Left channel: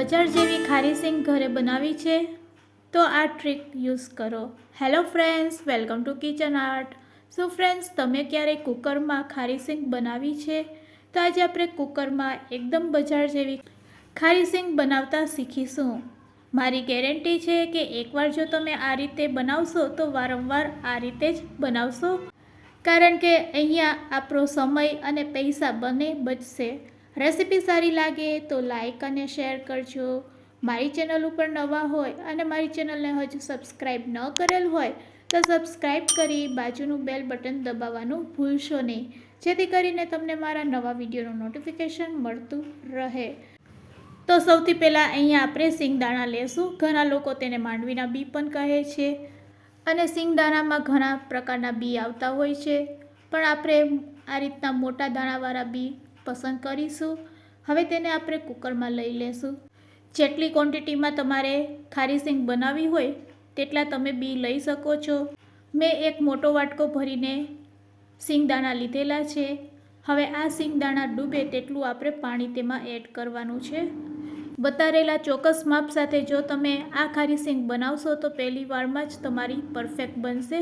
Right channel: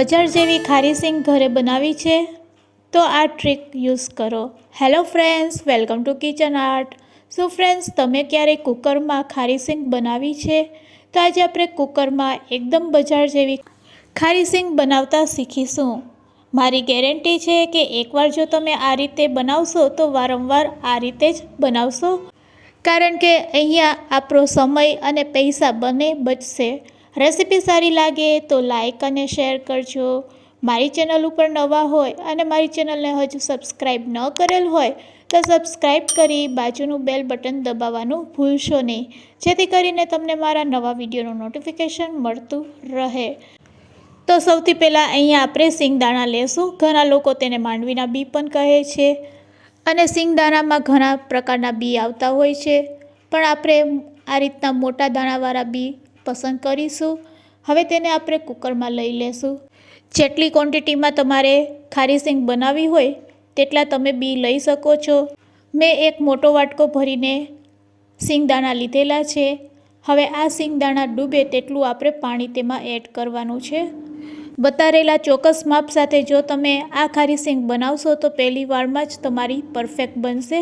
બજાર જેવી ખારી સિંગ ઘરે બનાવી છે તો આ ટ્રીક યુઝ કરો। Hello friends, welcome to kitchen art. So friends, તમે ક્યારેય કુકરમાં ખારી સિંગ બનાવી છે? તો આજે આપણે કુકરમાં એકદમ બજાર જેવી ખારી સિંગ બનાવતા શીખીશું। મારી ગેરંટી છે કે એકવાર જો તમે આ રીતે બનાવશો તો વારંવાર આ રીતે જ બનાવશો, કારણ કે અહીંયા આપણો સમય અને પૈસા બંને બચશે। રેસીપી સારી લાગે તો લાઈક અને શેર કરજો। મારી ચેનલ ઉપર નવા હોય અને મારી ચેનલને હજુ સબસ્ક્રાઈબ ન કરેલ હોય તો સબસ્ક્રાઈબ કરી બાજુનું બેલ બટન દબાવવાનું ભૂલશો નહીં, જેથી કરીને તમને મારા નવા વિડીયોનું નોટિફિકેશન મળતું રહે। તો સૌથી પહેલાં અહીંયા આપણે સિંગદાણા લેશું। ઘણા લોકો તેને માંડવીના બી પણ કહે છે અને સિંગદાણામાં ઘણા પ્રકારના બી આવતા હોય છે, પણ આપણે આ રીતના મોટા દાણાવાળા બી પસંદ કરીશું। હવે તેને આપણે કુકરમાં લઈ લેશું। જેટલી ક્વોન્ટિટીમાં તમારે ખારી સિંગ બનાવવી હોય તેટલા તમે બી લઈ શકો છો। મેં એક મોટો વાટકો ભરીને સિંગદાણા લીધેલા છે। હવે આ સિંગદાણા ડૂબે તેટલું આપણે પાણી તેમાં એડ કરવાનું છે। બતાવેલા ચોક્કસ માપ સાથે જો તમે આ ખારી સિંગ બનાવશો તો પહેલી વારમાં જ તમારી પરફેક્ટ બનશે,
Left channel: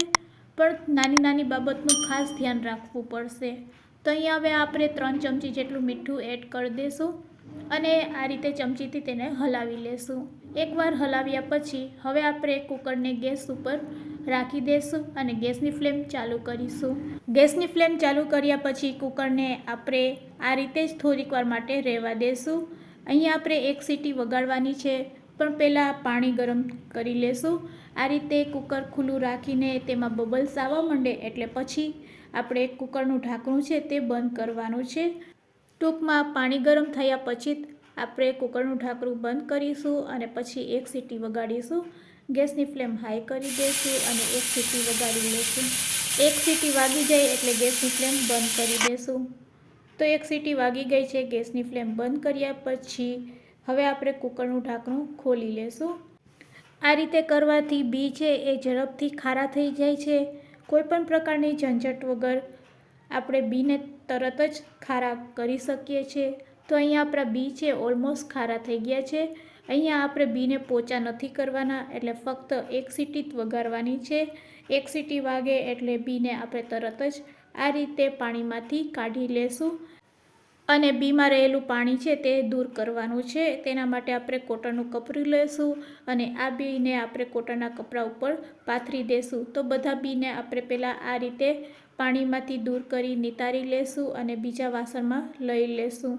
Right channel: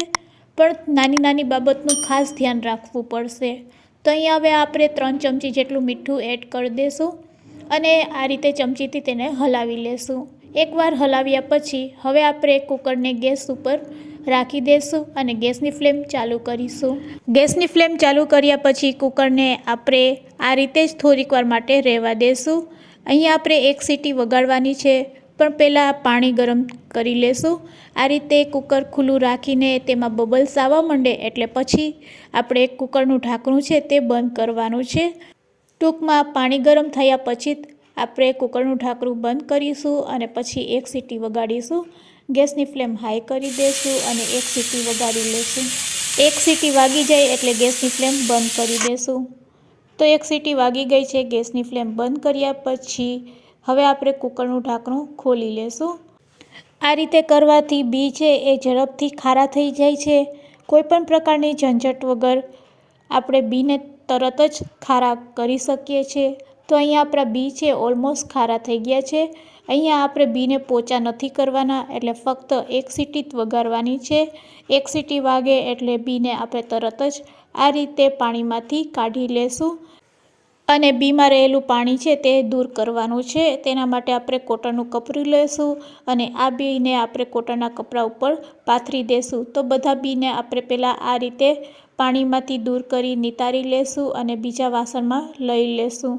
પણ નાની નાની બાબતનું ખાસ ધ્યાન રાખવું પડશે। તો અહીંયા હવે આપણે 3 ચમચી જેટલું મીઠું એડ કરી દઈશું અને આ રીતે ચમચીથી તેને હલાવી લેશું। એકવાર હલાવ્યા પછી હવે આપણે કુકરને ગેસ ઉપર રાખી દઈશું અને ગેસની ફ્લેમ ચાલુ કરીશું। ગેસની ફ્લેમ ચાલુ કર્યા પછી કુકરને આપણે આ રીતે જ થોડીક વાર માટે રહેવા દઈશું। અહીંયા આપણે એક સીટી વગાડવાની છે, પણ પહેલાં પાણી ગરમ કરી લેશું। આ રીતે કુકર ખુલ્લું રાખીને તેમાં બબલ્સ આવવા માંડે એટલે પછી આપણે કુકરનું ઢાંકણું છે તે બંધ કરવાનું છે। ટૂંકમાં પાણી ગરમ થયા પછી જ આપણે કુકરનું ઢાંકણું બંધ કરીશું અને પછી એક સીટી વગાડીશું। ગેસની ફ્લેમ હાઈ કરી દઈશું અને એક સીટી વગાડી લઈશું। એક સીટી વાગી જાય એટલે ગેસની ફ્લેમ બંધ કરી દઈશું। તો એક સીટી વાગી ગઈ છે। ગેસની ફ્લેમ બંધ કર્યા પછી હવે આપણે કુકરનું ઢાંકણું ખોલી લેશું। આ રીતે કરવાથી બી છે એ ઝડપથી ખારા થઈ જાય છે। કોઈપણ પ્રકારની ઝંઝટ વગર આપણે બીને તરત જ ખારા કરી શકીએ છીએ। તો અહીંયા આપણા બી છે ઓલમોસ્ટ ખારા થઈ ગયા છે। અહીંયા આપણે બીને પોચા નથી કરવાના, એટલે ફક્ત એક સીટી જ વગાડવાની છે। એક સીટી વાગે એટલે બીને આપણે તરત જ આ રીતે પાણીમાંથી કાઢી લેશું અને બીમાં રહેલું પાણી છે તે દૂર કરવાનું છે। તેના માટે આપણે કોટનનું કપડું લેશું અને આ બીને આપણે કોટનના કપડા ઉપર પાથરી દેશું। તો બધા બીને આપણે પહેલાં આ રીતે પાણીમાંથી દૂર કરી નિતારી લેશું અને બીજા વાસણમાં લઈ લેશું।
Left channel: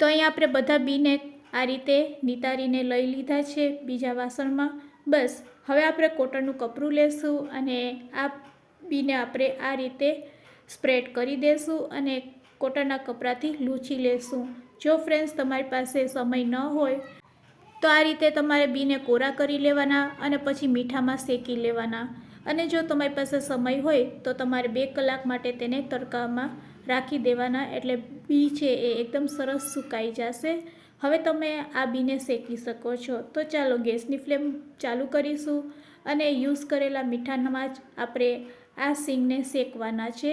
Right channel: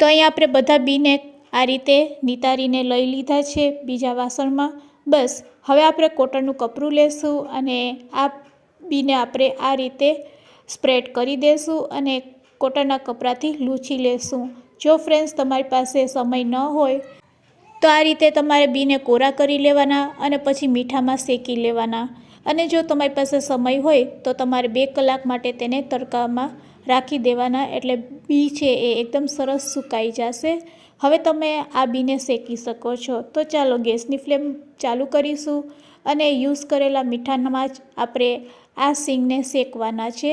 તો અહીંયા આપણે બધા બીને આ રીતે નિતારીને લઈ લીધા છે બીજા વાસણમાં। બસ હવે આપણે કોટનનું કપડું લેશું અને આ બીને આપણે આ રીતે સ્પ્રેડ કરી દઈશું અને કોટનના કપડાથી લૂછી લેશું। જો ફ્રેન્ડ્સ તમારી પાસે સમય ન હોય તો આ રીતે તમારે બીને કોરા કરી લેવાના અને પછી મીઠામાં શેકી લેવાના, અને જો તમારી પાસે સમય હોય તો તમારે 2 કલાક માટે તેને તડકામાં રાખી દેવાના, એટલે બી છે એ એકદમ સરસ સુકાઈ જશે। હવે તમે આ બીને શેકી શકો છો। તો ચાલો ગેસની ફ્લેમ ચાલુ કરીશું અને યુઝ કરેલા મીઠામાં જ આપણે આ સિંગને શેકવાના છે।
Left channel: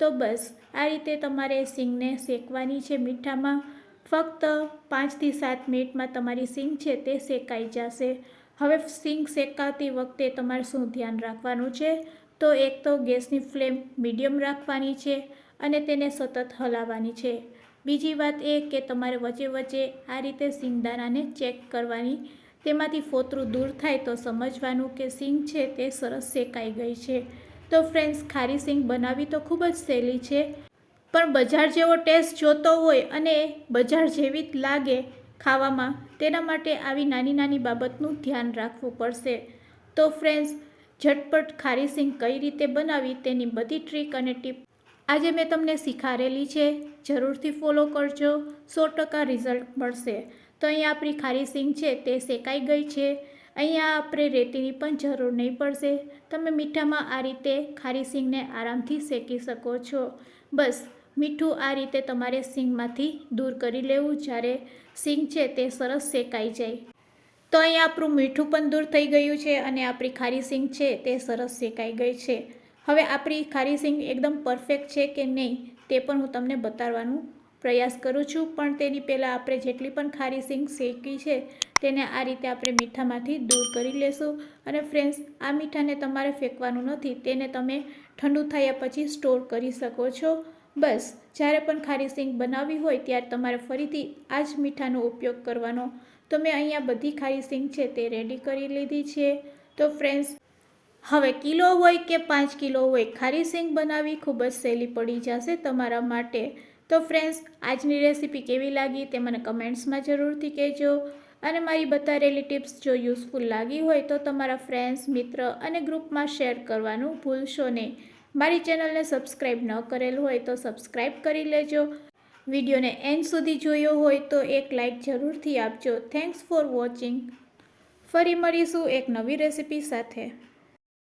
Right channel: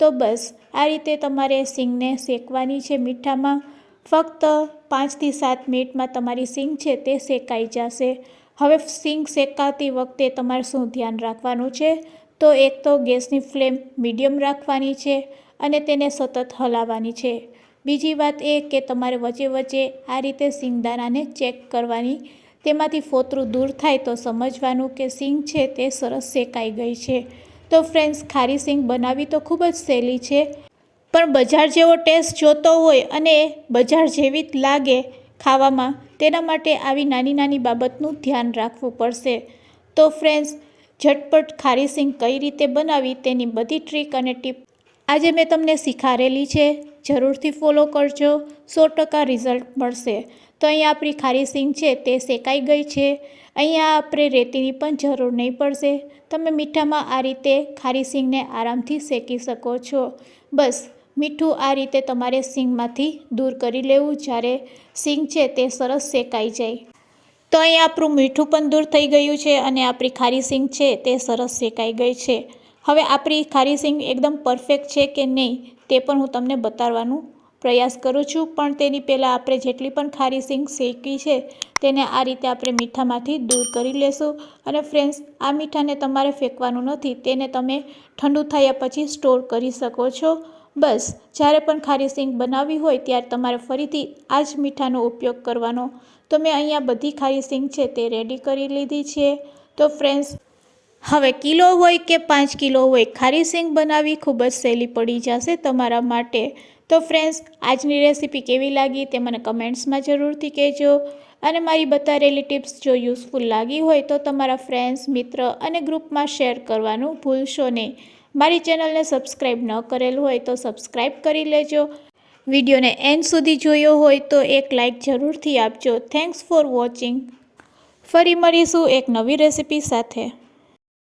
તો બસ આ રીતે તમારે સિંગને શેકવાની છે મીઠામાં। ફક્ત 5 થી 7 મિનિટમાં તમારી સિંગ છે તે શેકાઈ જશે। હવે સિંગ શેકાતી વખતે તમારે શું ધ્યાન રાખવાનું છે? તો એક તો ગેસની ફ્લેમ મીડિયમ રાખવાની છે અને તેને સતત હલાવવાની છે। બીજી વાત એ કે તમારે વચ્ચે વચ્ચે આ રીતે સિંગદાણાને ચેક કરવાની, તેમાંથી ફોતરું દૂર થાય તો સમજવાનું કે સિંગ છે તે સરસ શેકાઈ ગઈ છે। તો ફ્રેન્ડ્સ, ખારી સિંગ બનાવવી તો ખૂબ જ સહેલી છે, પણ બજાર જેવો ટેસ્ટ જોતો હોય અને બજાર જેવી જ લાગે ખાવામાં, તેના માટે આવી નાની નાની બાબતનું ધ્યાન રાખવું પડશે। તો ફ્રેન્ડ્સ, ઝટપટ ખારી સિંગ કઈ રીતે બનાવી તેની બધી ટ્રીક અને ટીપ આજે મેં તમને શીખવાડેલી છે। જરૂરથી ફોલો કરજો, 100% રિઝલ્ટ મળશે। તો અહીંયા આપણી ખારી સિંગ છે તે શેકાઈ ગઈ છે। અહીંયા આપણે રેતીની પણ જરૂર નહીં પડશે। તમે મીઠામાં આ રીતે ખારી સિંગને આરામથી શેકી શકો છો। બસ મીઠું આ રીતે તમારે સિંગમાંથી દૂર કરી લેવું જ્યારે સિંગ છે તે સરસ શેકાઈ જાય। તો અહીંયા આપણું મીઠું પણ દૂર થઈ ગયું છે અને આપણી ખારી સિંગ છે તે સરસ શેકાઈ ગઈ છે। હવે આપણી ખારી સિંગ એકદમ પરફેક્ટ છે કે નહીં તે પણ હું તમને બતાવવાનું પ્રયાસ કરું છું, પણ તેની પહેલાં આપણે જેટલી પણ ખારી સિંગ શેકી છે તેને આ રીતે આપણે મીઠામાંથી દૂર કરી લેશું. અને ફ્રેન્ડ્સ, આ મીઠાને તમારે ફેંકવાનું નથી, તેને તમે ઠંડુ થયા પછી સ્ટોર કરી શકો છો. બસ જ્યારે પણ ખારી સિંગ બનાવવી હોય ત્યારે તમારે ફરીથી આ જ મીઠાનો ઉપયોગ કરવાનો. તો મેં અહીંયા બધી ખારી સિંગ છે તે રેડી કરી લીધી છે. તો ફ્રેન્ડ્સ, હવે કિલો હોય કે 5 કિલો હોય, ખારી સિંગ બનાવવી ખૂબ જ સહેલી પડી જશે તમારા માટે. તો ફ્રેન્ડ્સ, આજની રેસીપી કેવી લાગી તે મને કમેન્ટ્સમાં જરૂરથી કહેજો. અને મારી બતાવેલી ટિપ્સ જો યુઝફુલ લાગી હોય તો તમારા ફ્રેન્ડ્સ, મિત્ર અને ગ્રુપમાં શેર કરવાનું ભૂલશો નહીં. મારી ચેનલને સબસ્ક્રાઈબ ન કરેલ હોય તો સબસ્ક્રાઈબ કરી લેજો. વિડીયોને એન્ડ સુધી જોયો હોય તો એક લાઈક જરૂરથી આપજો. Thanks for watching. ફરી મળીશું એક નવી રેસીપી સાથે.